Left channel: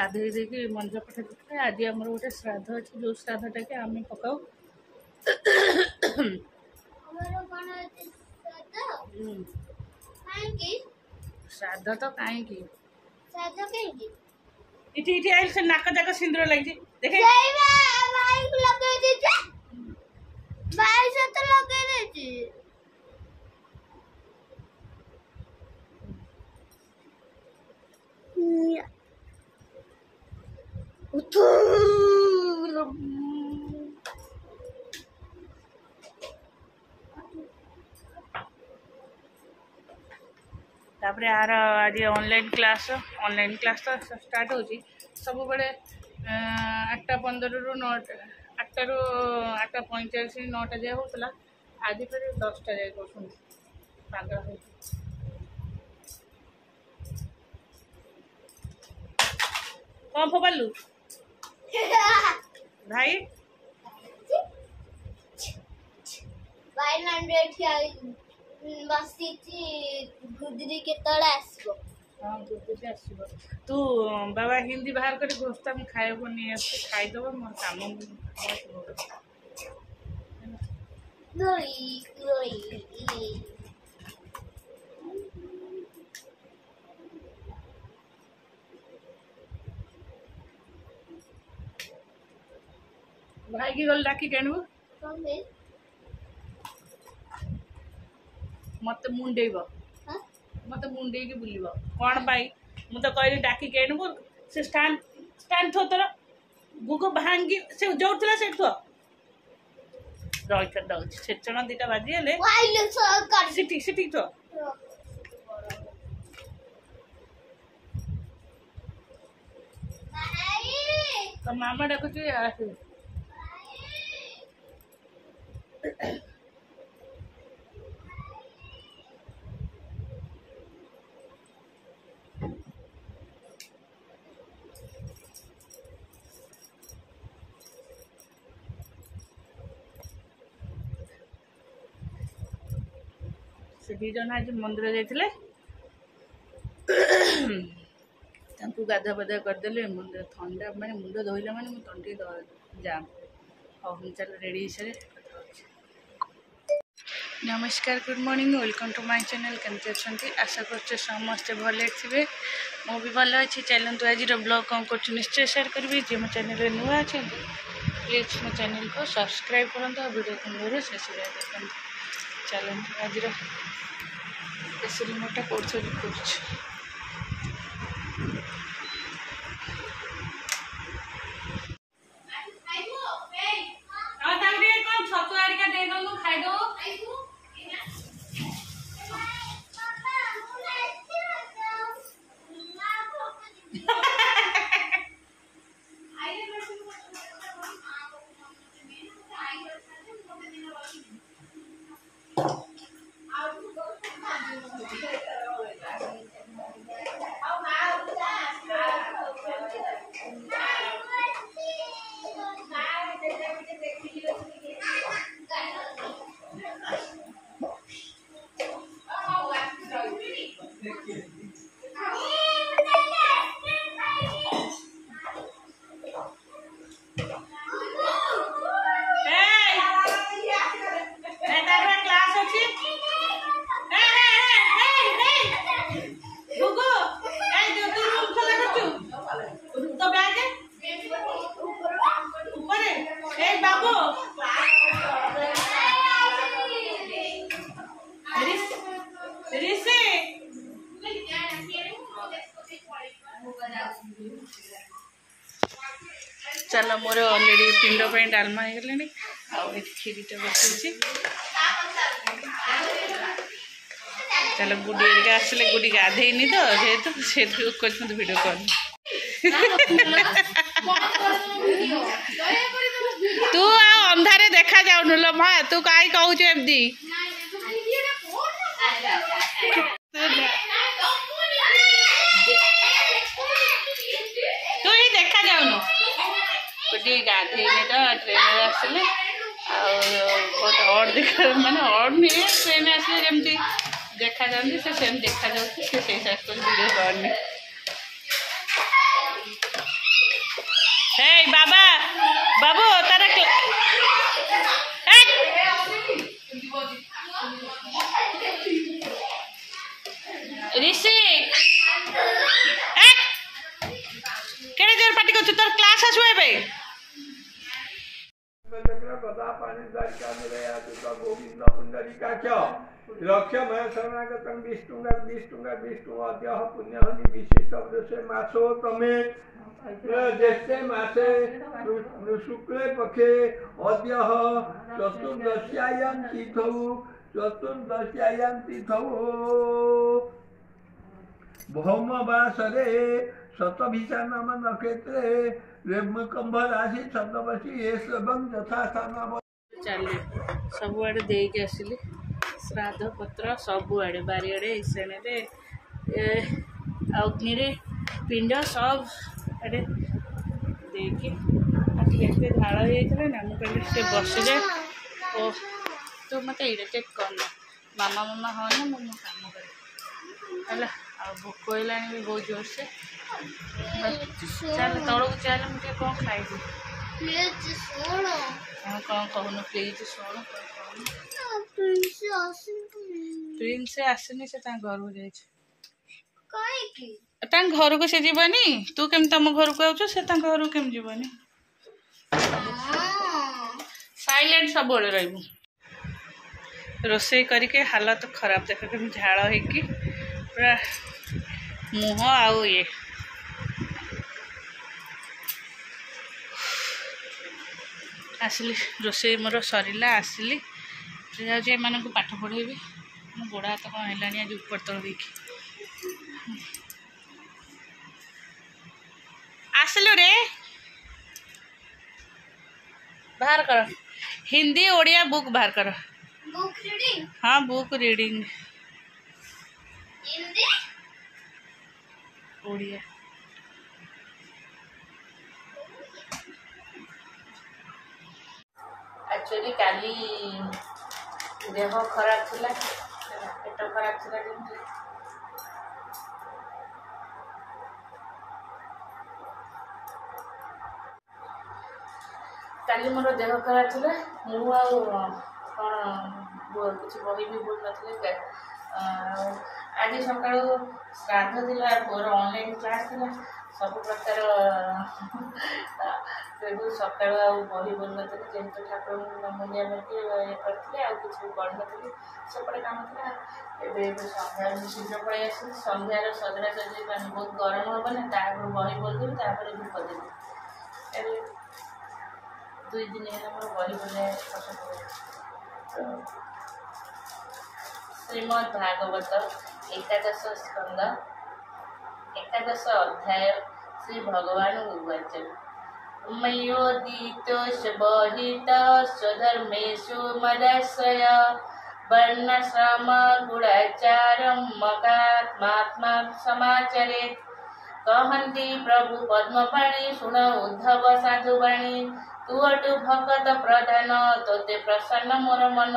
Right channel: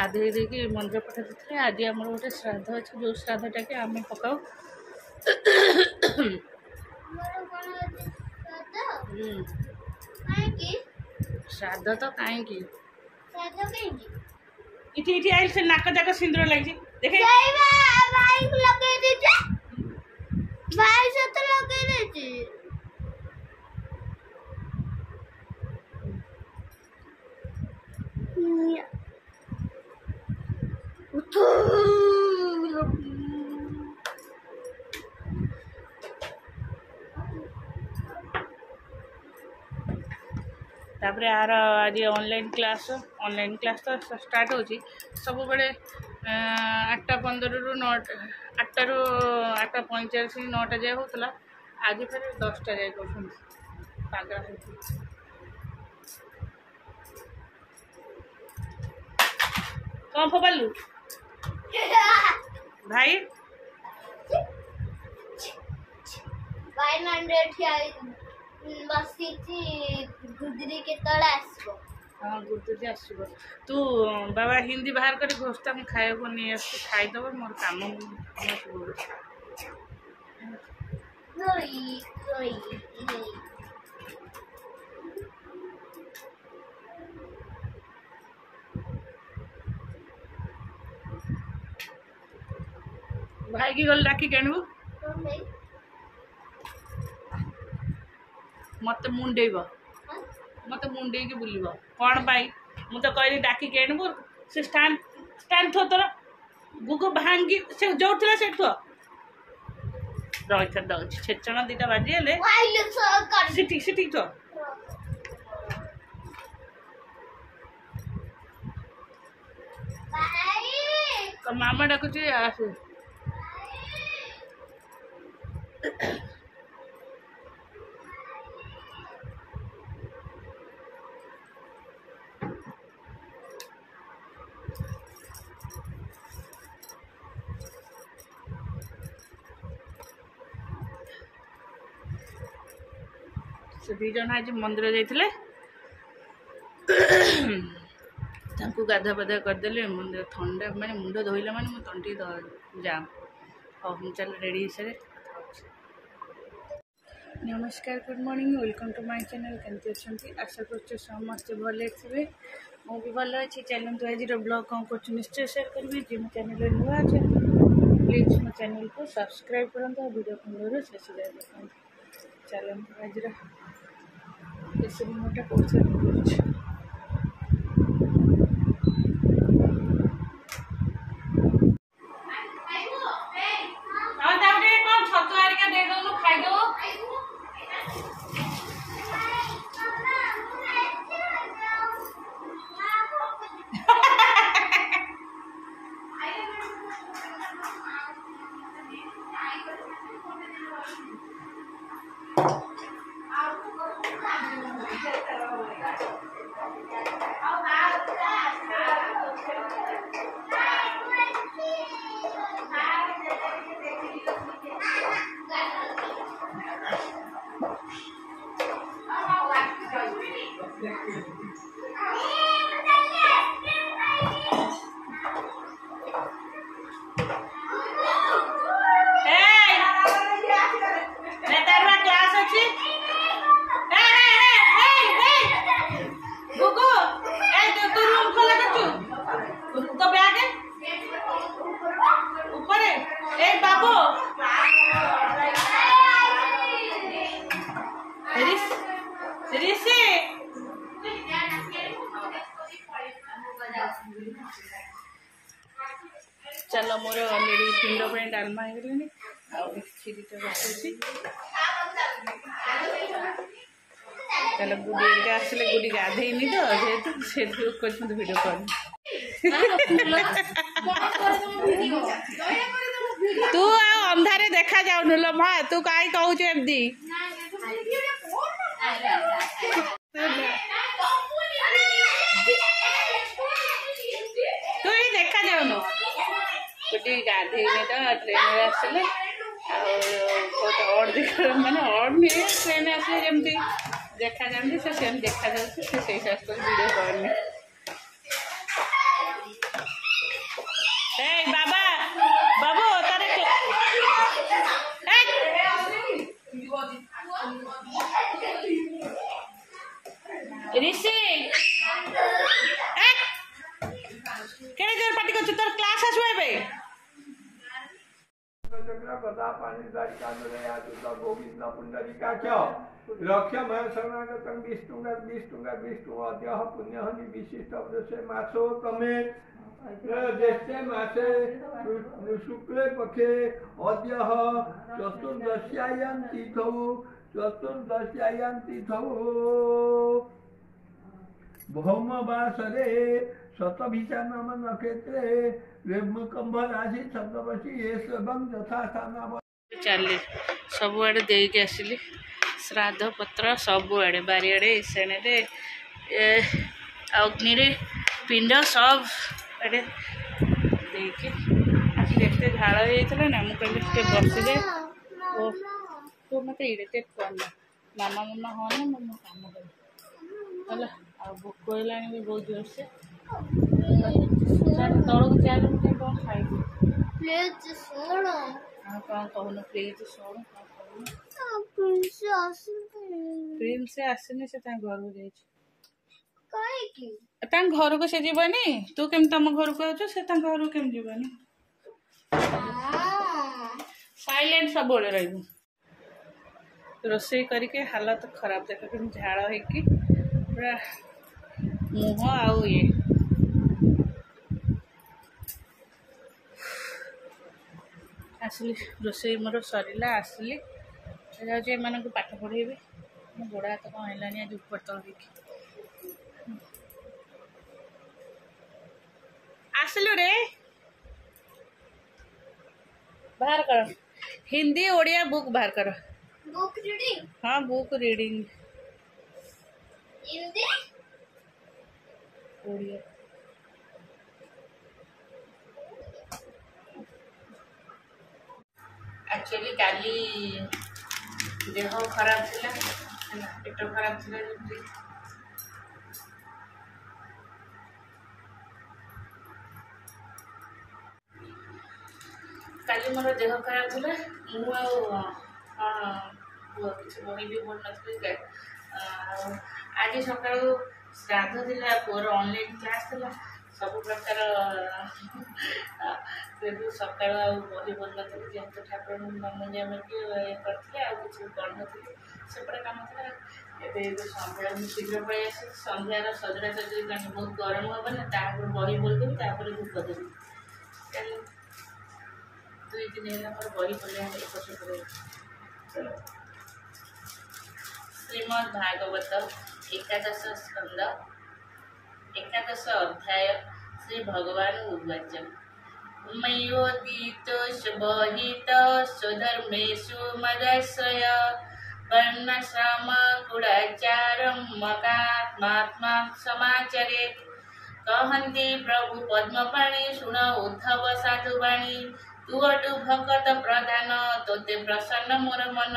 गाधोई देकी मंदिर पठा देते। आज आम गोटे श्राद्ध अच्छे जो श्राद्धटा कि आम पकाऊ श्राद्ध तो कहीं इटी इटी आइल से नाक जाक सिंदूर लगी देखे तापर यार आज ऑनलाइन क्लास तो स्टार्ट हो सब बड़े 8:15 रु 8 रु 8:45 9टा जाए होता आज फिर 10टा जाए कर पागल है कौन फोपालू भाई 500 बसी गुदरी के तले आसबो। हाँ गुदरी आसबो तू बाबा हिंदी बाहर कर घोषता मैं खाए को नहीं आस खाईदेव मोर काम भाई की गल डाकी केणबू मत मुंडेब मत मुंडे की बुल कौन पाई मुझे कहली डाकी केणबू से स्टैंड स्टैंड थो तोर गुगो भांगी से जो थला से थो रही दौर छेचण 2टा बाजीगले सिटी सिटी थो मामा डाकुची आसे से 2 जन आज मंदिर जाते गाधा पाधा करदे मुंड थंडा मैंने मुंड धोला मैंने मो तंटी जाम हाँ हम चल रेडी हिसाब नमस्कार good morning welcome to my channel केमती अच्छे आशा कर समस्ते भले थे मु भी भल अच्छी चलतु आज ब्लॉग कौन कर निश्चय शेयर करी जी मो चैनल नुआ अच्छे प्लीज मो चैनल को सब्सक्राइब करूँ वीडियो को शेष जाए देखते चलते आज स्पेशल मोटा कोर्स चलो मोर अलरेडी पिंड पे डालमा हो गले खीरीटा बसुची चलो गुडी आसले गुडी गाधेनी तो जेहेतु से वीडियो कर तू अंधारे देखा जाऊनु लो माँ तू कहीं कहू एमती तू ही देखा जाऊनु गुडी गाधेनी तो ट्रेन आसले बहुत अड देखा माने अड नहीं ट्रेन आसले जमती देखा जाती से सेम देखा जाऊँ वीडियो करनी Hey, Baba, Babu, तारा ऋषि केड़े जोर पार्टी कर तोर क्लास आसु एबे लक्ष्यमय शरणागतं विष्णुंगा अद्यः पुण्यहनि विशिष्टवदसे मासो तमे ज्येष्ठे मासे शुक्ले पक्षे अद्यः चतुर्दश्यायां तिथौ भौमवासरे शतभिषा नाम नक्षत्रे रेमकंभ राशि छद्मवशी एवं यथा स्थान चली सबुआड़े देके आसिली श्राद्ध पत्र सबुआड़े बारियाड़े ईशाणे अग्नि पिंड सब आड़े देके देखते झाड़ हो जाता ना मुझे कहली बसी जाए ओ तू मत इरिटेट करना मामा मामा हाँ ना मो काम कर भोक है बहुत जोर से चल तौक चल मुझे कौन खाई कौन कहून प्लीज शुण प्रिंस आसनी से घर को जाए घर को से जीवनी तू केम तुम घर को आउछ से घर को केम जीवनी साइलेंट सब रही रोसई करके हालत खराब देख के झाड़ हो पूरा मुह आउ ये आसली रोसई मोर सरला आसली जाऊँ एम पाठ पढ़ेबी मो गोड़ हाथ कौन है आज ऊपर तल देखी आसलु रे बाहर कर हिंदी ओडिया बुक बाहर कर बुक रीडिंग हाँ book reading Hindi Odia actually काली देह खराब थिला पेट खराब थिला जमती काली मोर देह खराब थिला मु किसी बही भी बोल नथले आज सकाळ श्राद्ध थिला पुअर ऑनलाइन क्लास थिला सब प्रकार सकाळ बही बोल नथले जेहेतु ठाकुर मुंडिया मारिक करते आ किसी कर नी सेपटे कम था सन्ध्या शीघ्र पलि आस सन्ध्यार सजड़ा सजी बहुत गरम हम ना तापर बही बोलदेवी तापर धूप देवी 2 दिन है मोर बही बोले श्रीमद् भागवत एकादश स्कंद एकादश अध्याय श्री भगवान उवाच मयोदितोषबहित स्वधर्मेषु मदाश्रय वर्णाश्रम गुणाचारं मकात्मात्मा समाचरेत् कहन्ति प्रभु पद्मपाणि शुण उद्धव साधुवाणी तू अटु भगत प्रधान तोते प्रसन्न मोर मन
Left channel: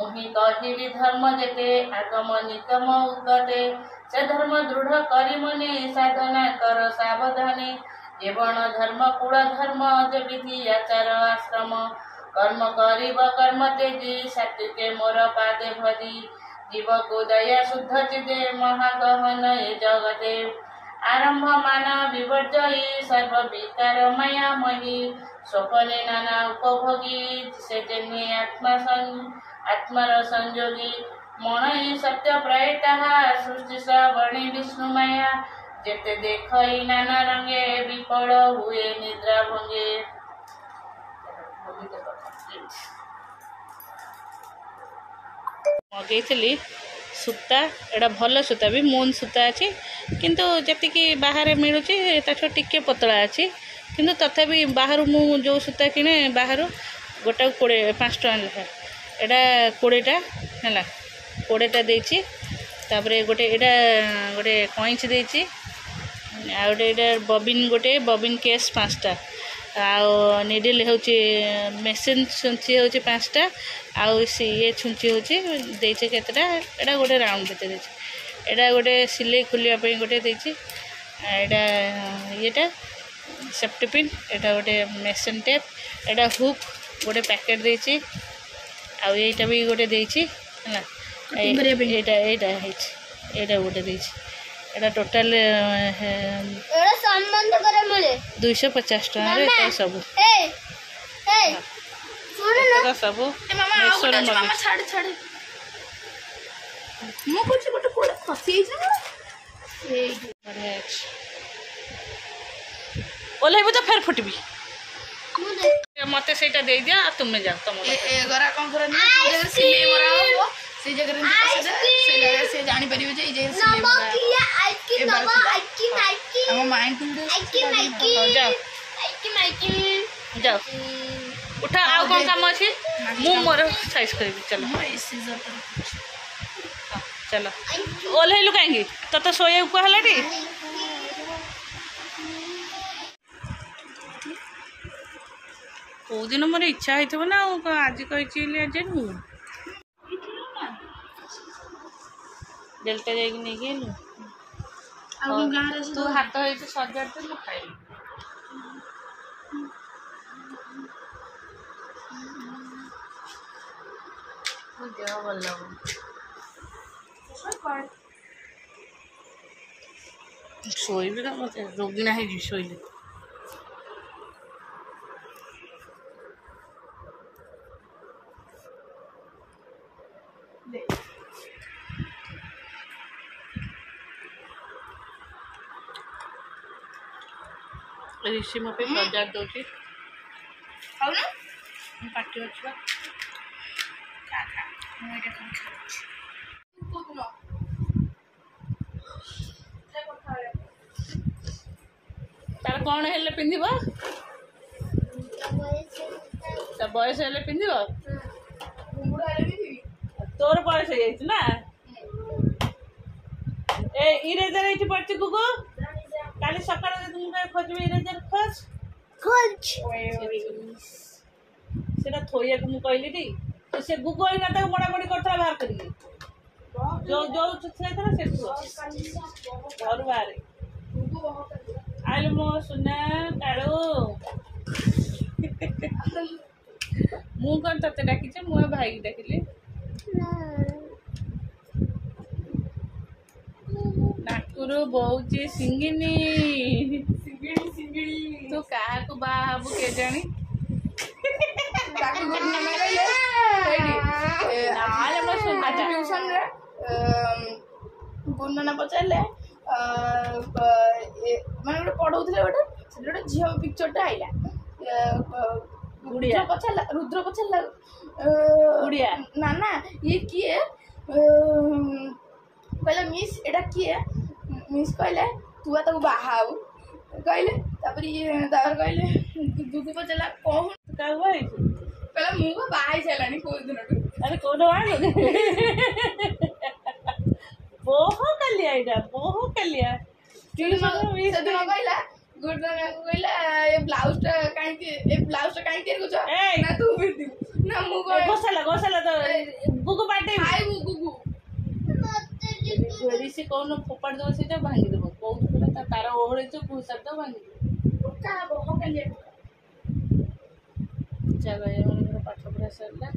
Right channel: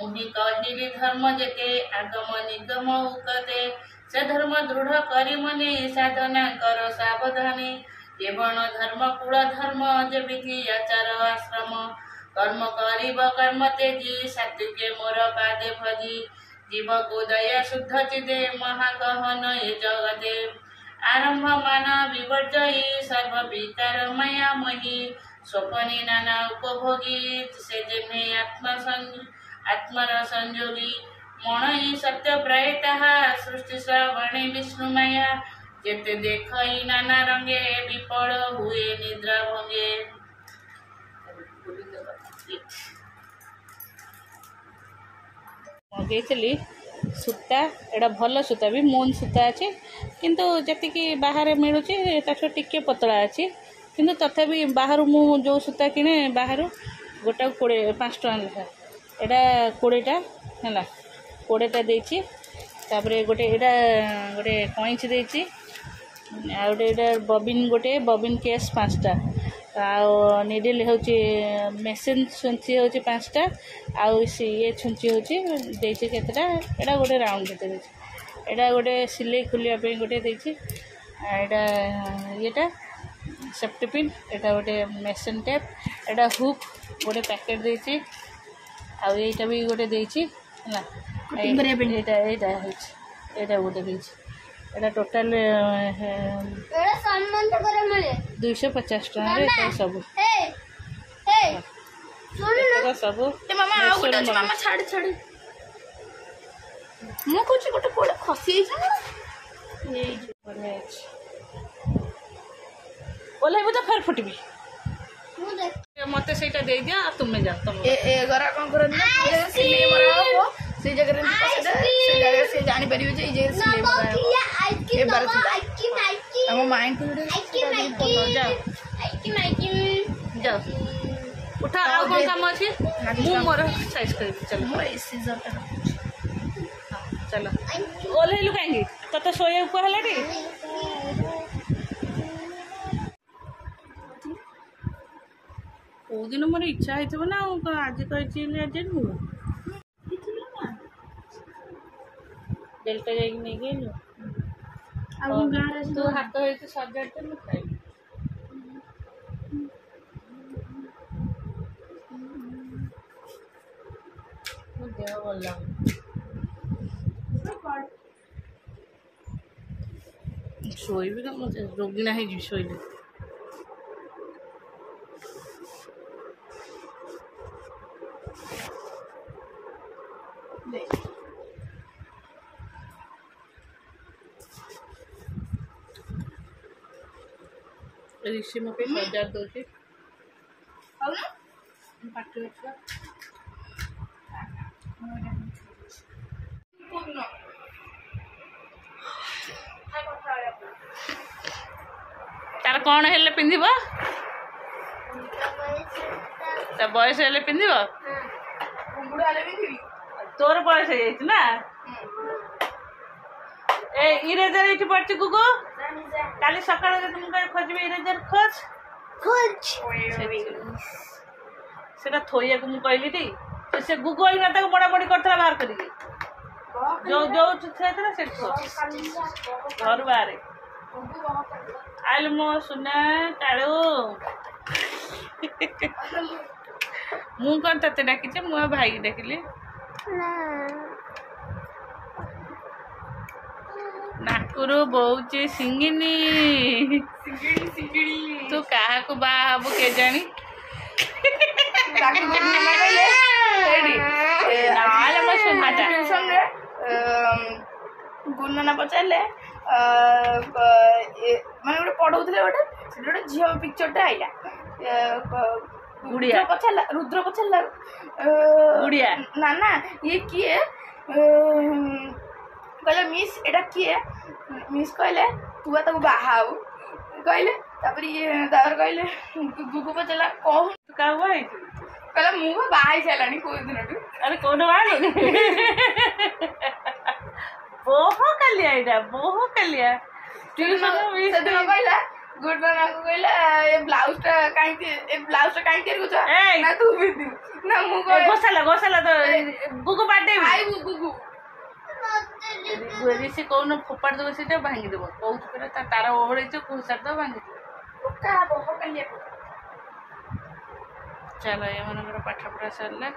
मुहि कहिली धर्म जेते आगम निगम उगते से धर्म दृढ़ करी मने साधना कर सावधानी जेवण धर्म कुल धर्म जे विधि आचार आश्रम कर्म करिब कर्म तेजी सात्विके मोर पादे भजी जीव को दया शुद्ध चिदे महागहन ये जगते आरंभ मान विवर्जयी सर्व विकार माया मही स्वपने नाना उपभोगी से जन्हे आत्मर संयोगी मन ही सत्य प्रयता सृष्टि श्रवणे विष्णुमाया जेते देखई नाना रंगे विफल हुए निद्रा भंगे मगेली सूता एटा भल सूता भी मून सूता अच्छी किंतु जी बाहर मिलूँ टिके पतला अच्छी किंतु तथापि बाहर मु जो सूता किणे बाहर गोटा 5 टका लेखा एटा 20टा है 20टा देछि तापरे गोटे एटा गोटे कइंच देछि आ गोटे बबिन गोटे बबिन केस 5टा आउ निडिल होची मेसिन छुंची होची 5टा आउ ये छुंची होची देछि केतटा एटा गोटे राउंड भीतर देछि एटा गोटे सिलाई खोलिया पे गोटे देछि एटा येटा सेफ्टी पिन एटा गोटे मेसन टेप एटा हुक गोटे पैकेट देछि आ एटा भी गोटे देछि हला एटा गोटे देछि एटा टोटल एड़ा संबंध करे मिले 250 टका रे तो सब सुन सब मामा छाड़ छाड़ मु कुछ गोटे कोड खसी ना बढ़िया ओल्हेबू तो फेर फुटबी मत से दे दिया तुम्हें जाओ तुम एगरा कौन कर सिलाई मरा से जगह से जानी परिबे जे जे सिलाई मरा हम माइंड को जाओ जाओ उठा आउ कौन काम अच्छी मु मोर साइज करी चलो हाँ चलो ओल्हेलु कहीं तो शोया कहला टी कौ दिन मोर इच्छा होता ना आज कही आज डेल्टा जाइए तू हाथ हो सजाड़ तो मुझे खाई देह भल शोबी ना मत रोगिणा है शोले ऋषि मो पे सजाड़ दौर पार्टी अच्छा तार कौन हेल्ले पिंधिब बयस हेल्ले पिंधिब तोर बयस हो ना ए इरेजर ये पड़ी गुगु काली सकाळ तुमको खोजबी इरेजर खोज सेटा थोइया को मु कहली टी से गुगु आइना ताको बड़ा बड़ी करथला बाहर करिके जो जो छेथरा से घर बाहर आइल मो सुना काळो मु कौन तते डाकिचे मो भाई डाकिले नाकुरु बहुचे सिंगिनी तू कहा को बा हबु के जानी गुणना पचारे मैंने गोटे पढ़ाऊे गोटे गोटे झील पिक्चरटा आईला रुद्र पचारा उड़िया ना ना ये किए कहले मिस एटा किए मिस कहले तू ताको बाहाऊ कहले कहले गुगु पचारा कौन का हुआ कहला मु बाहाई सारानी को दिन अरे कौन बहु कलिया इटा बहु कलिया कहला गुड मॉर्निंग को कहला ये ब्लाउजटा काई के कुछ ना तू भी ना मु गोसाला तो गुगु बाटे आई गुगु ऋषि कौन फोपाड़ देव से भांगी देव कौन तार ओढ़े घुसार दे भांगी चलो ये मन पाठ पढ़ा सरला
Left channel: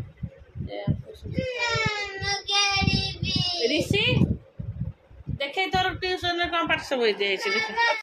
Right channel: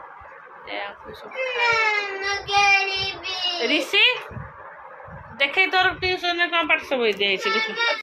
ऋषि देखे तोर ट्यूशन कौन पाठ सब देख